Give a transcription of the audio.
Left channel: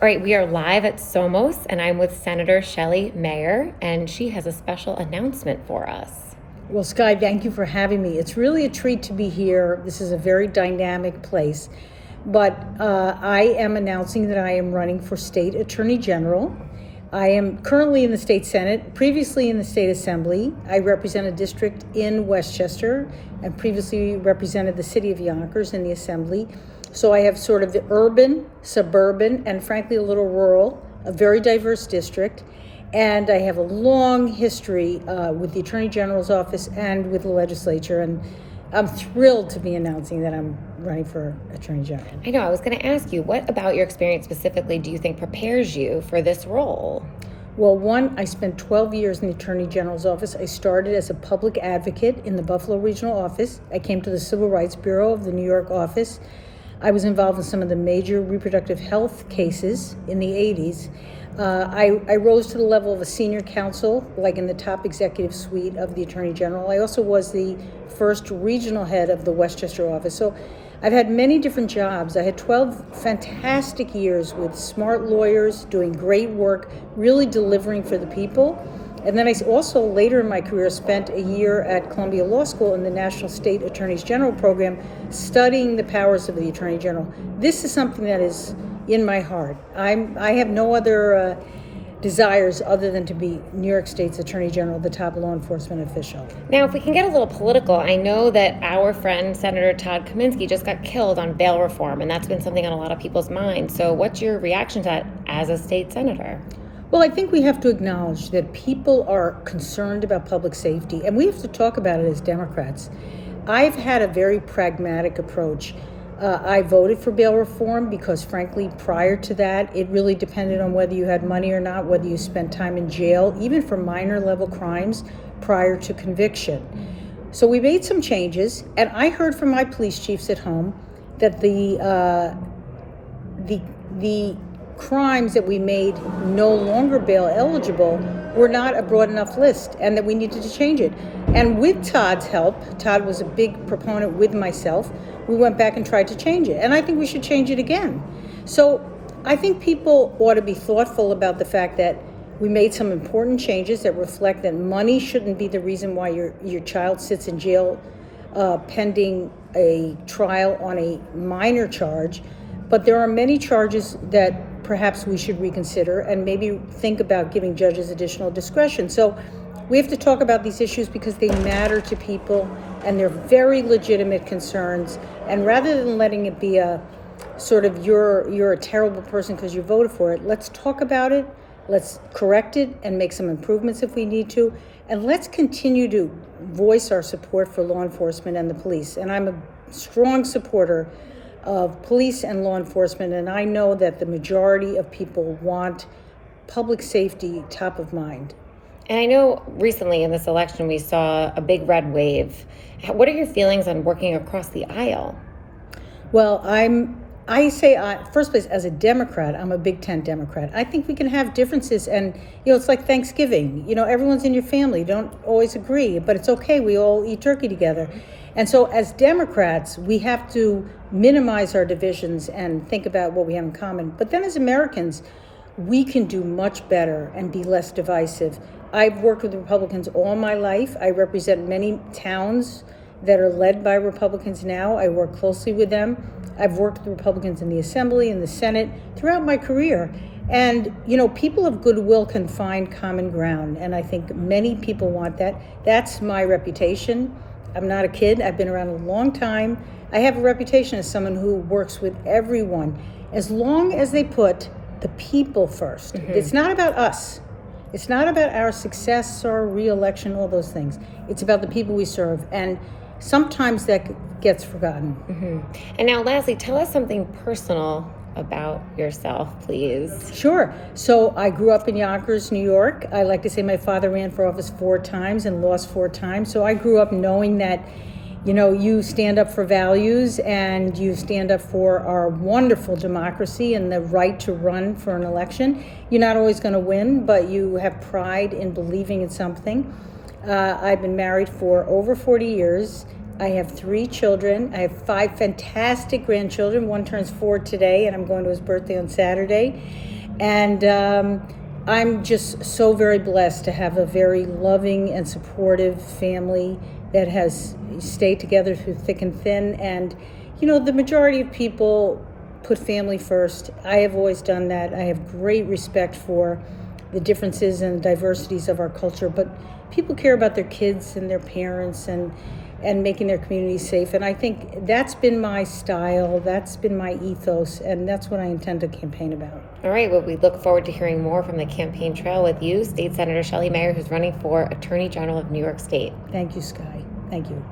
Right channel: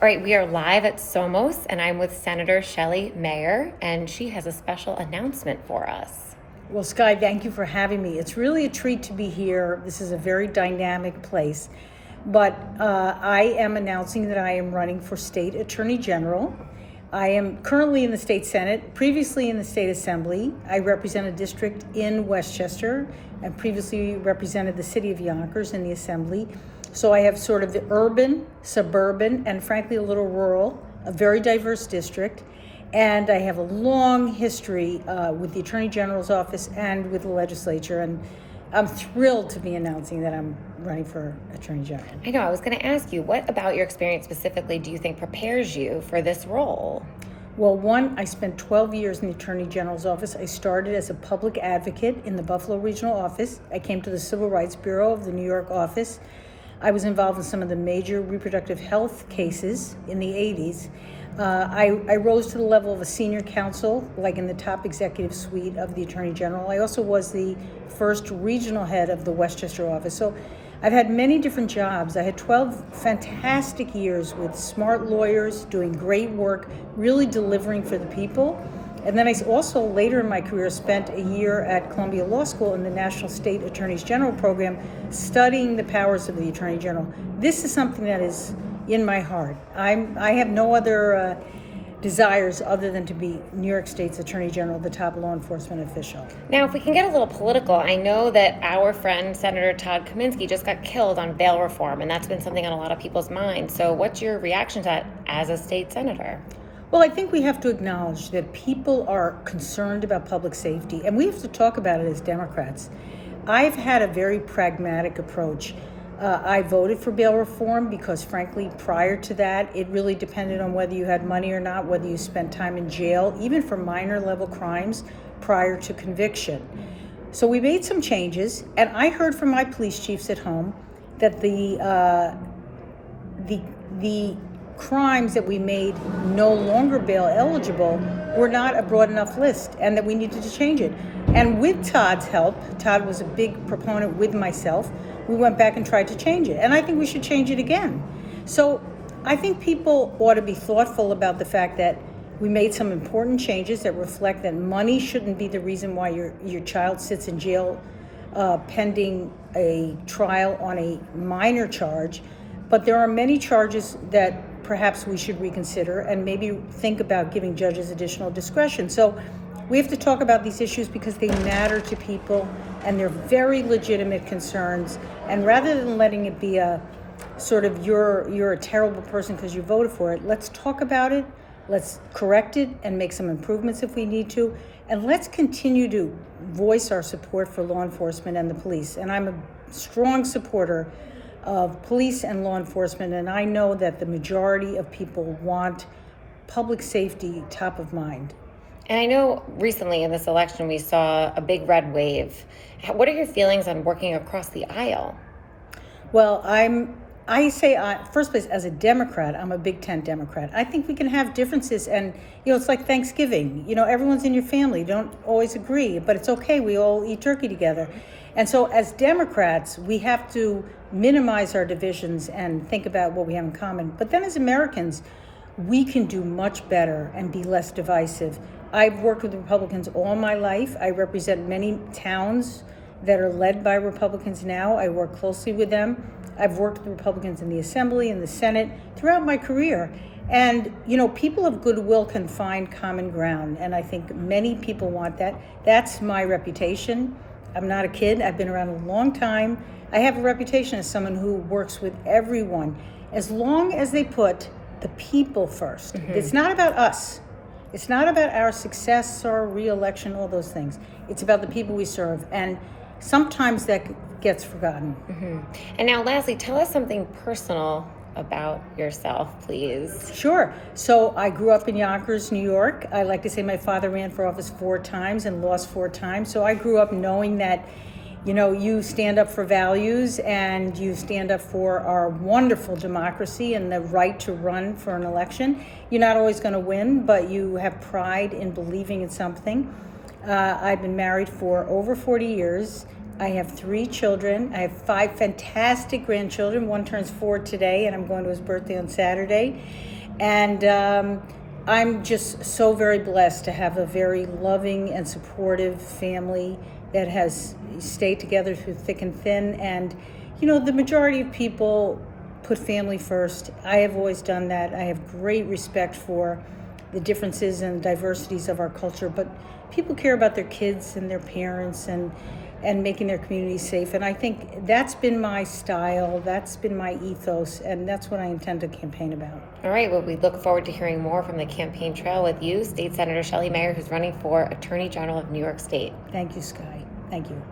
All right, we are live at SOMOS, and I'm with Senator Shelley Mayer, and she has a special announcement for us. Well, Skye, thank you for having me. It's really a treat to be here. This is a very dynamic place. But I am announcing that I am running for State Attorney General. I am currently in the State Senate, previously in the State Assembly. I represent a district in Westchester and previously represented the city of Yonkers in the Assembly. So I have sort of the urban, suburban, and frankly a little rural, a very diverse district. And I have a long history with the Attorney General's office and with the legislature. And I'm thrilled to be announcing that I'm running for Attorney General. I know, I was going to ask you, what about your experience specifically do you think prepares you for this role? Well, one, I spent 12 years in the Attorney General's office. I started as a public advocate in the Buffalo Regional Office. I came to the Civil Rights Bureau of the New York office. I was involved in some of the major reproductive health cases in the 80s. I rose to the level of a senior counsel, like in the top executive suite of the Attorney General. I also was the first regional head of the Westchester office. So I've had many different jobs. I had 12 fantastic years with smart lawyers, doing great work, really delivering for the people. And then I also, later in my career, spent a year at Columbia Law School in the National State Attorneys General program, studying the powers of the Attorney General. This is something that is in my heart. I have no other desires other than to be New York State's Attorney General, the top law enforcement official. Now, if we can get a little political, I know that our friend Senator Todd Kaminsky just got killed on bail reform, and that's been something on a lot of people's minds. So what's your reaction to that as a state senator? Well, I think we have to acknowledge that people are concerned about public safety, and we have to talk about it as Democrats. I've had a very pragmatic approach. I voted for bail reform because, frankly, prior to that, it really depended on whether you had money or not, whether you spent time in jail, even for minor level crimes prior to conviction. So we made some changes, and I heard from my police chiefs at home that the crimes that we made no longer bail eligible were not a broad enough list, and that we needed to change it. And with Todd's help, Todd was a big proponent with myself, we went back and tried to change it. And I think we should change it again. So I think people ought to be thoughtful about the fact that we made some important changes that reflect that money shouldn't be the reason why your child sits in jail pending a trial on a minor charge. But there are many charges that perhaps we should reconsider and maybe think about giving judges additional discretion. So we have to talk about these issues because they matter to people and they're very legitimate concerns. And rather than letting it be a sort of you're a terrible person because you voted for it, let's talk about it, let's correct it and make some improvements if we need to, and let's continue to voice our support for law enforcement and the police. And I'm a strong supporter of police and law enforcement, and I know that the majority of people want public safety top of mind. And I know recently in this election we saw a big red wave. What are your feelings on working across the aisle? Well, first place, as a Democrat, I'm a big tent Democrat. I think we can have differences, and it's like Thanksgiving. Everyone's in your family. Don't always agree, but it's okay. We all eat turkey together. And so as Democrats, we have to minimize our divisions and think about what we have in common. But then as Americans, we can do much better and be less divisive. I've worked with Republicans all my life. I represent many towns that are led by Republicans now. I work closely with them. I've worked with Republicans in the Assembly, in the Senate, throughout my career. And, people of goodwill can find common ground. And I think many people want that. That's my reputation. I'm not a kid. I've been around a long time. I have a reputation as someone who works with everyone, as long as they put the people first. Mm-hmm. It's not about us. It's not about our success or re-election, all those things. It's about the people we serve. And sometimes that gets forgotten. Mm-hmm. And now, lastly, tell us something personal about yourself, please. Sure. So I grew up in Yonkers, New York. I like to say my father ran for office 4 times and lost 4 times. So I grew up knowing that, you stand up for values and you stand up for our wonderful democracy and the right to run for an election. You're not always going to win, but you have pride in believing in something. I've been married for over 40 years. I have 3 children. I have 5 fantastic grandchildren. One turns 4 today, and I'm going to his birthday on Saturday. And I'm just so very blessed to have a very loving and supportive family that has stayed together through thick and thin. And, you know, the majority of people put family first. I have always done that. I have great respect for the differences and diversities of our culture, but people care about their kids and their parents and making their community safe. And I think that's been my style, that's been my ethos, and that's what I intend to campaign about. All right, well, we look forward to hearing more from the campaign trail with you, State Senator Shelley Mayer, who's running for Attorney General of New York State. Thank you, Skye. Thank you.